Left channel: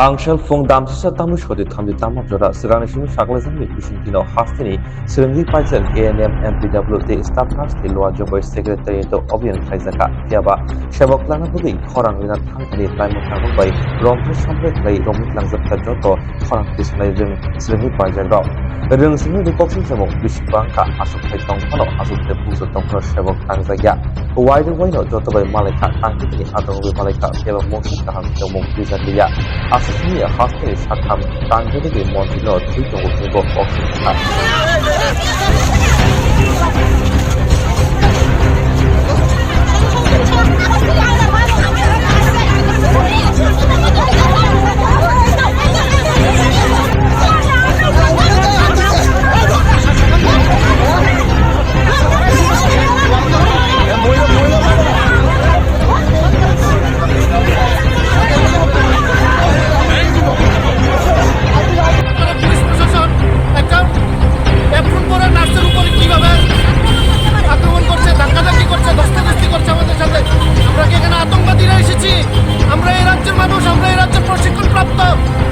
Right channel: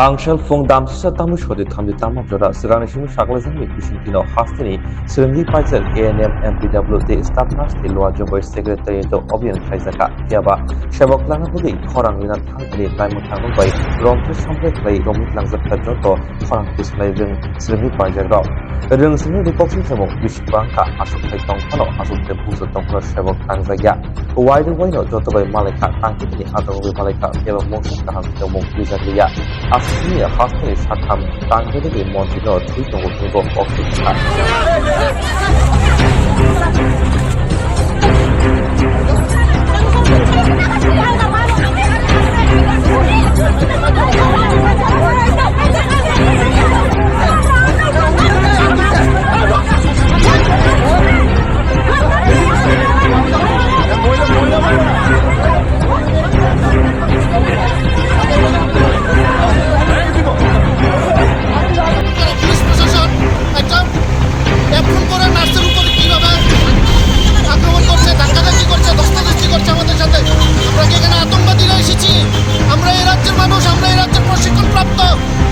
Tangshal Fung Damsa Tamu Shodi Tamdi Tamam Jora Siranishi Shaklazan Bishintino Hastini Siringi Paisel ANM MPW the staff nurse the Loa Jobo Secretary to Obian Kaisaka Tiaba Shaboklana Bugi Korang Lina Tangani Laimutang by Rompu Sample Play Romit Langzak Joto Korang Display Siringi Paisel Ring Simi Boxing Samo Bishbanka Asuk Tong Pano Asuk the Buzo Tongro Shabok Tangzaya Wide Wino Joto by Malika Tangki Adawi Malika Eva Motion Kaham Tomo Bizalia Asini hastini shatam tangdegi montino tuito go oxygen.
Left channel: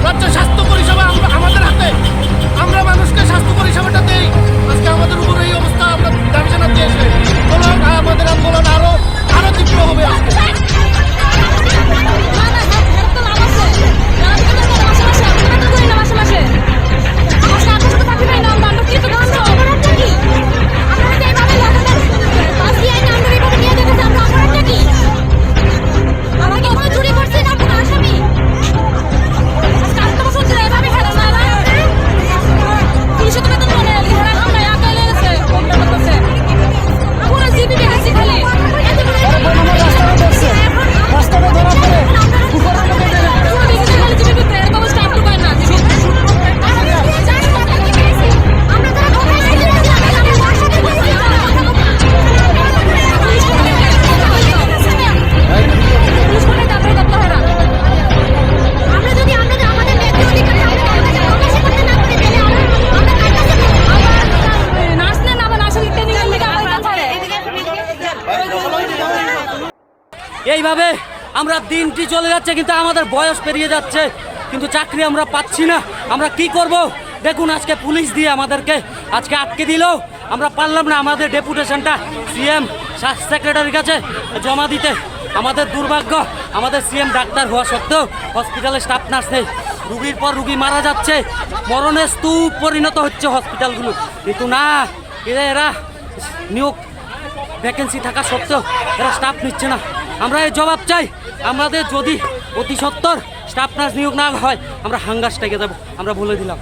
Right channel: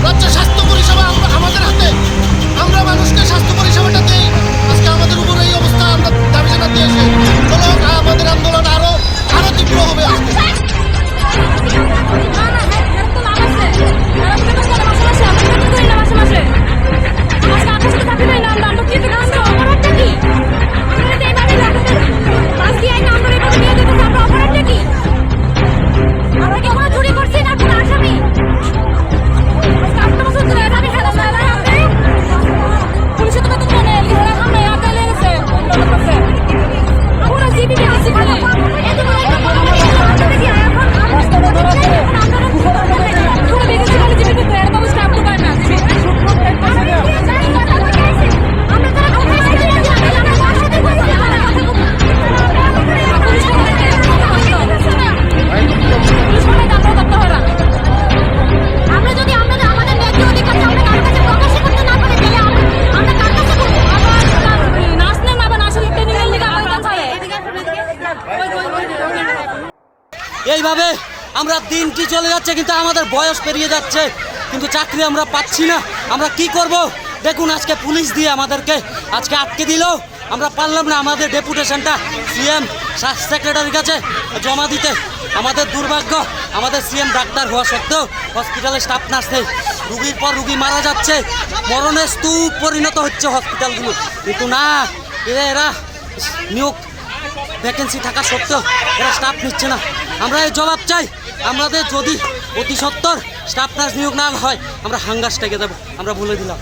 রাজ্য স্বাস্থ্য পরিষেবা আমাদের হাতে আমরা মানুষকে স্বাস্থ্য পরিষেবাটা দেই আজকে আমাদের উপর এই অবস্থা আমরা দাবি জানাতে এসে চলো আমাদের আন্দোলন আরো তীব্র হবে আজকে এইভাবে আমরা দিনটি চলে যাচ্ছে কিন্তু আমাদের বয়স পেরিয়ে যাচ্ছে কিন্তু চাকরি আমরা পাচ্ছি না আমরা কি করব দেখুন আজকে পুলিশ দিয়ে আমাদেরকে আজকে আটকে দিল আমরা পারলাম না আমাদের ডেপুটেশনটা সিএম সেক্রেটারির কাছে জমা দিতে আমাদের দুর্ভাগ্য আমাদের সিএম ডাক্তার হওয়া সত্ত্বেও হসপিটালে স্টাফ নার্স নেই রুগীর পর রুগী মারা যাচ্ছে মরণের স্তূপ পরিণত হচ্ছে হসপিটালগুলো কিন্তু না এরা নিয়োগ ভ্যাকেন্সি থাকা সত্ত্বেও এরা স্টাফ নিচ্ছে না আমরা এই জবাব চাই আমাদের যদি অতি সত্বর স্টাফ নার্স নিয়োগ না হয় আমরা হাঙ্গার স্ট্রাইকে দেবো আমরা বলে দিলাম।